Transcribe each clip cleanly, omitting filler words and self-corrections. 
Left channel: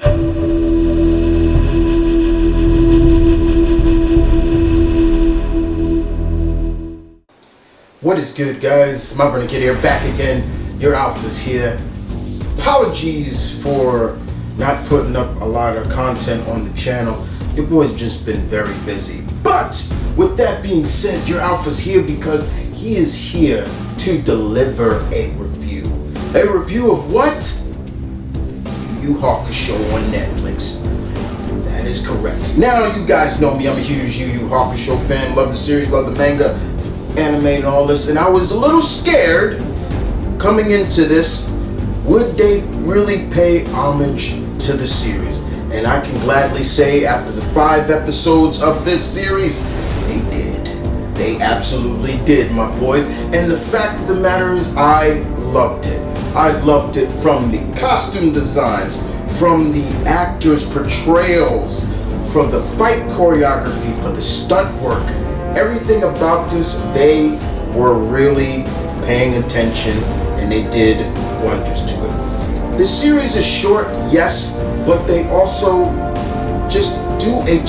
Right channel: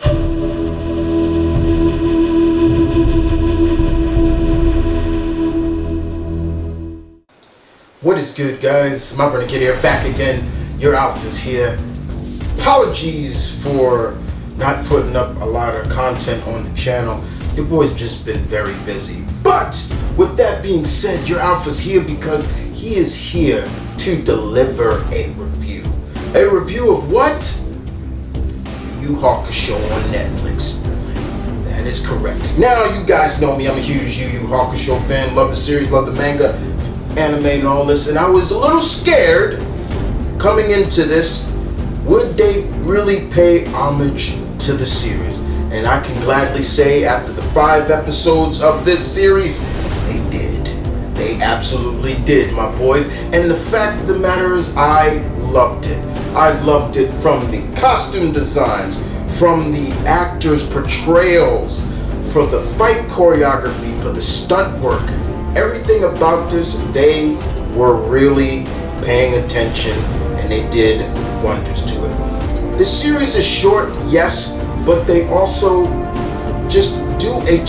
What is good, guys? M.V.K here, back again. Your Alpha's here. Apologies for not putting up a lot of content on the channel. Your boy's just been very busy. But with that being said, your Alpha's here because he is here to deliver a review. A review of what? YuYu Hakusho on Netflix. That is correct. Now, you guys know me. I'm a huge YuYu Hakusho fan. Love the series, love the manga, anime, and all this. And I was a little scared coming into this. Would they really pay homage to the series? And I can gladly say, after the 5 episodes of this series, they did. They absolutely did, my boys. And the fact of the matter is, I loved it. I loved it from the costume designs, from the actors' portrayals, from the fight choreography, for the stunt work. Everything about this, they were really paying attention and they did wonders to it. The series is short, yes, but they also just do a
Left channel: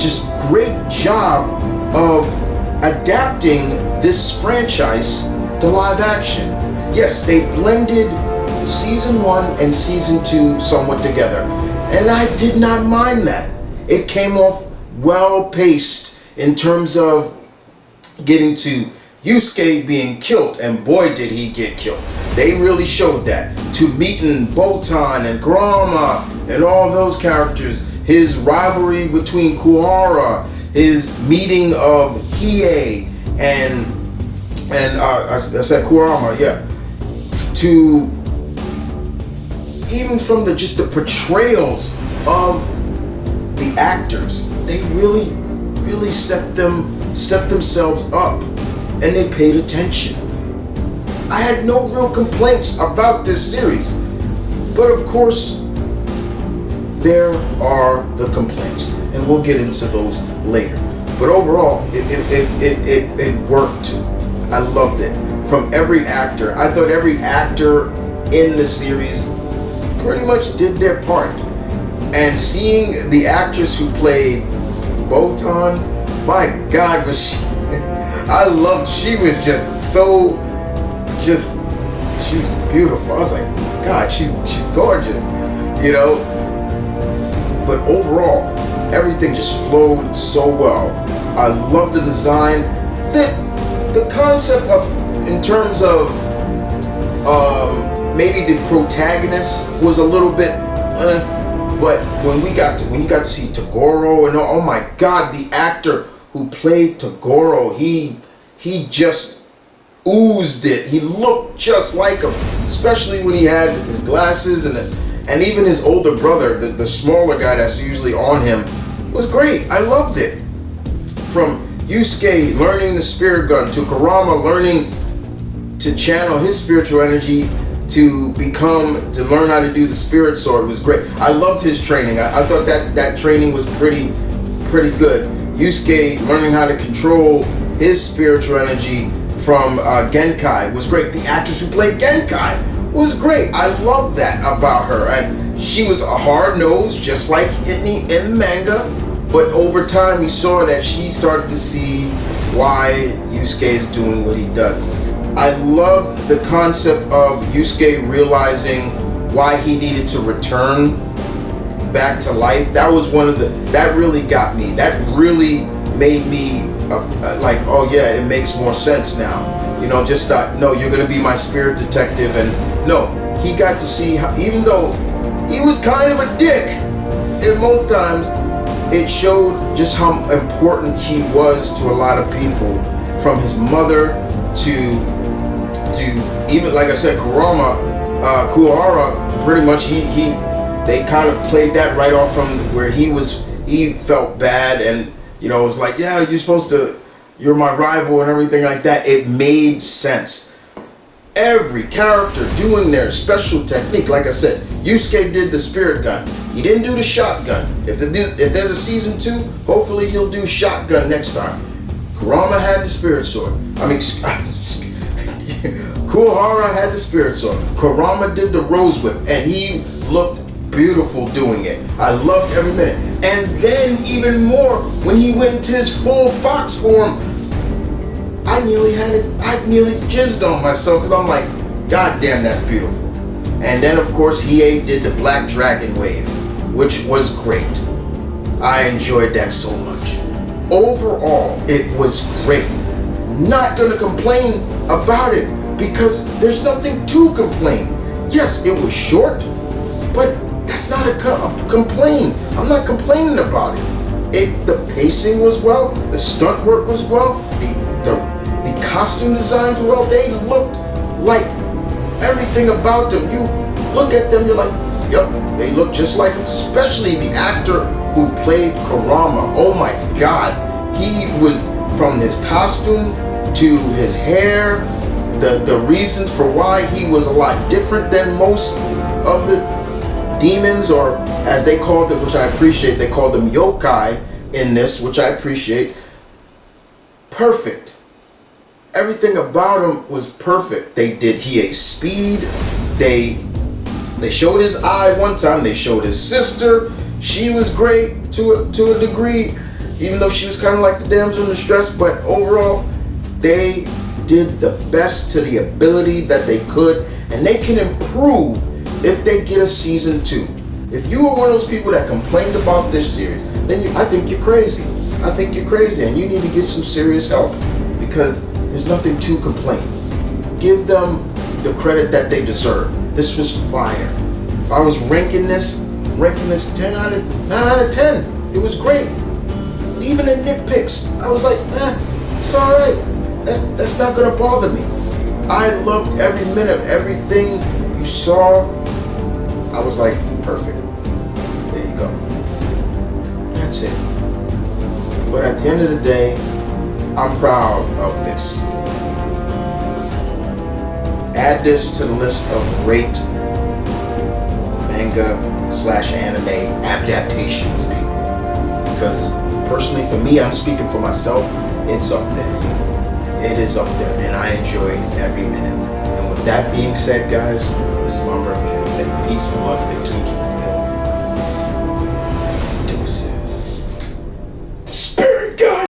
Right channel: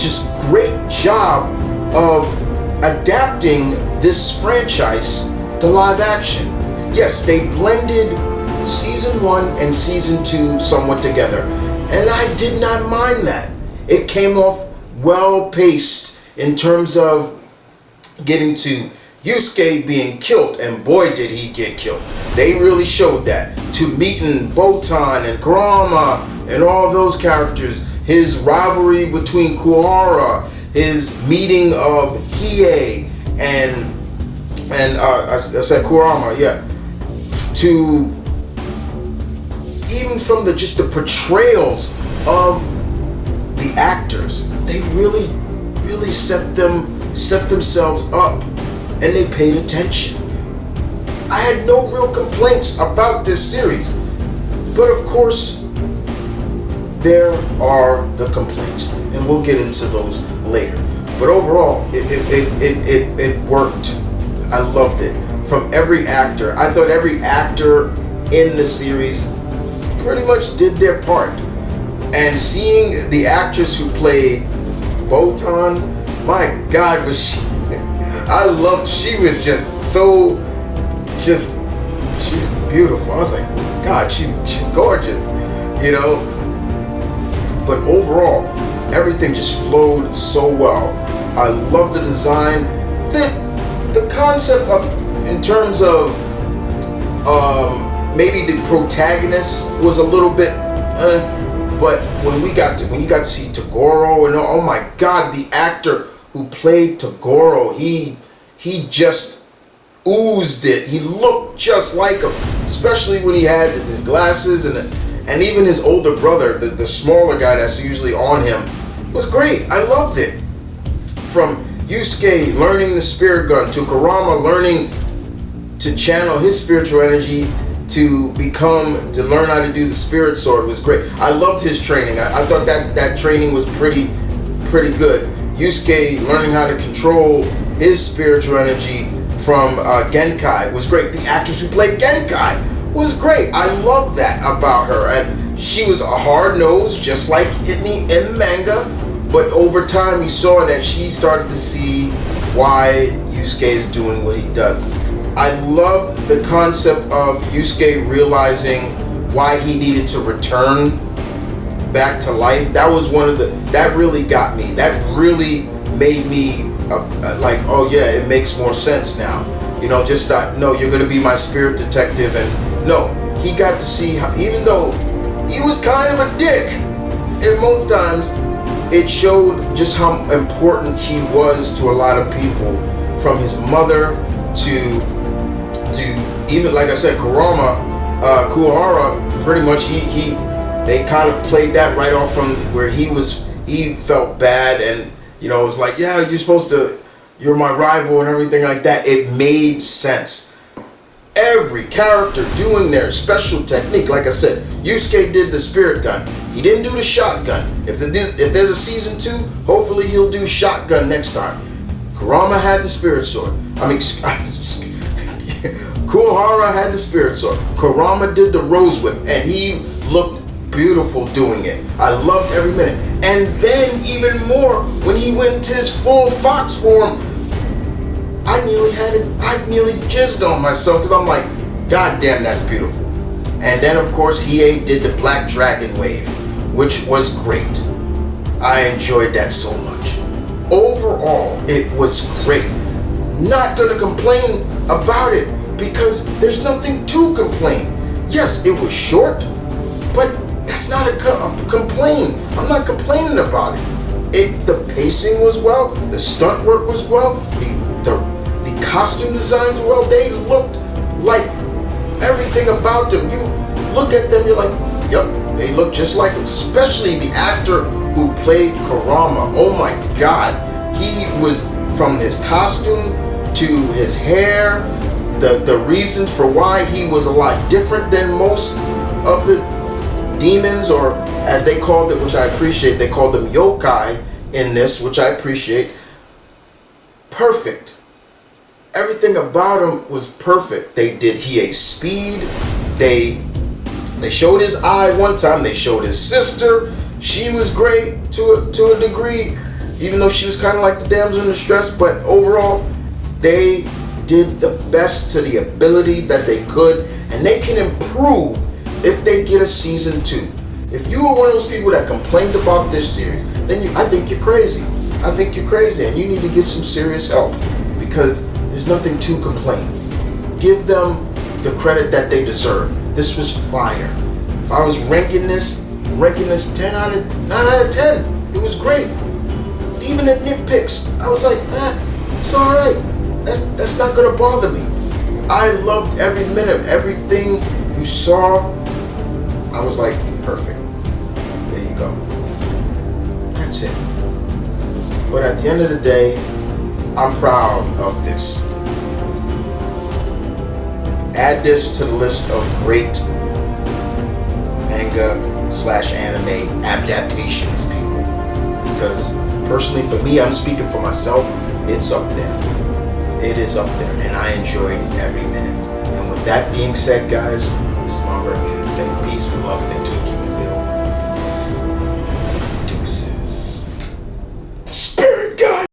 great job of adapting this franchise to live action. Yes, they blended season 1 and season 2 somewhat together, and I did not mind that. It came off well paced in terms of getting to Yusuke being killed, and boy did he get killed. They really showed that. To meeting Botan and Kurama and all those characters, his rivalry between Kuwahara, his meeting of Hiei and I said Kurama, yeah. To even from the portrayals of the actors, they really set themselves up, and they paid attention. I had no real complaints about this series, but of course there are the complaints, and we'll get into those later. But overall, it worked. I loved it. From every actor, I thought every actor in the series pretty much did their part. And seeing the actress who played Botan, my God, was she she was she was beautiful. I was like, oh my God, she's gorgeous, you know. But overall, everything just flowed so well. I love the design. The concept of, in terms of maybe the protagonist was a little bit but when you got to see Toguro, and oh my God, the actor who played Toguro, he just oozed it. He looked just like him, especially when he had his glasses, and even his older brother, the smaller guy that's usually on him, was great. I loved it. From Yusuke learning the spirit gun, to Kurama learning to channel his spiritual energy to learn how to do the spirit sword, was great. I loved his training. I thought that training was pretty good. Yusuke learning how to control his spiritual energy from Genkai was great. The actress who played Genkai was great. I love that about her. And she was a hard nose, just like in the manga. But over time, you saw that she started to see why Yusuke is doing what he does. I love the concept of Yusuke realizing why he needed to return back to life. That was that really got me. That really made me like, oh yeah, it makes more sense now. You know, just thought, no, you're gonna be my spirit detective. And no, he got to see how, even though he was kind of a dick in most times, it showed just how important he was to a lot of people, from his mother to even, like I said, Kuwahara. Pretty much they kind of played that right off from where he felt bad, and you know, it was like, yeah, you're my rival and everything like that. It made sense. Every character doing their special technique. Like I said, Yusuke did the spirit gun. He didn't do the shotgun. If there's a season 2, hopefully he'll do shotgun next time. Kurama had the spirit sword. Kuwahara had the spirit sword. Kurama did the rose whip, and he looked beautiful doing it. I loved every minute. And then even more when he went into his full Fox form, I nearly jizzed on myself because I'm like, God damn, that's beautiful. And then of course Hiei did the Black Dragon wave, which was great. I enjoyed that so much. Overall, it was great. Not gonna complain about it because there's nothing to complain. Yes, it was short, but that's not a complaint. I'm not complaining about it. The pacing was well, the stunt work was well, the costume designs were well. They looked like everything about them. You look at them, you're like, yep, they look just like him. Especially the actor who played Kurama. Oh my God, he was, from his costume to his hair, the reasons for why he was a lot different than most of the demons, or as they called it, which I appreciate, they called them yokai in this, which I appreciate. Perfect. Everything about him was perfect. They did Hiei's speed. They showed his eye one time. They showed his sister. She was great to a degree, even though she was kind of like the damsel in distress. But overall, they did the best to the ability that they could, and they can improve if they get a season 2. If you are one of those people that complained about this series, then I think you're crazy. I think you're crazy, and you need to get some serious help because there's nothing to complain. Give them the credit that they deserve. This was fire. If I was ranking this 9 out of 10. It was great. Even the nitpicks, I was like, it's all right. That's not gonna bother me. I loved every minute of everything you saw. I was like, perfect. There you go. That's it. But at the end of the day, I'm proud of this. Add this to the list of great manga/anime adaptations, people. Because personally, for me, I'm speaking for myself, it's up there. It is up there, and I enjoyed every minute. And with that being said, guys, this is TheMtVernonKid saying peace and love, stay tuned, keep it real.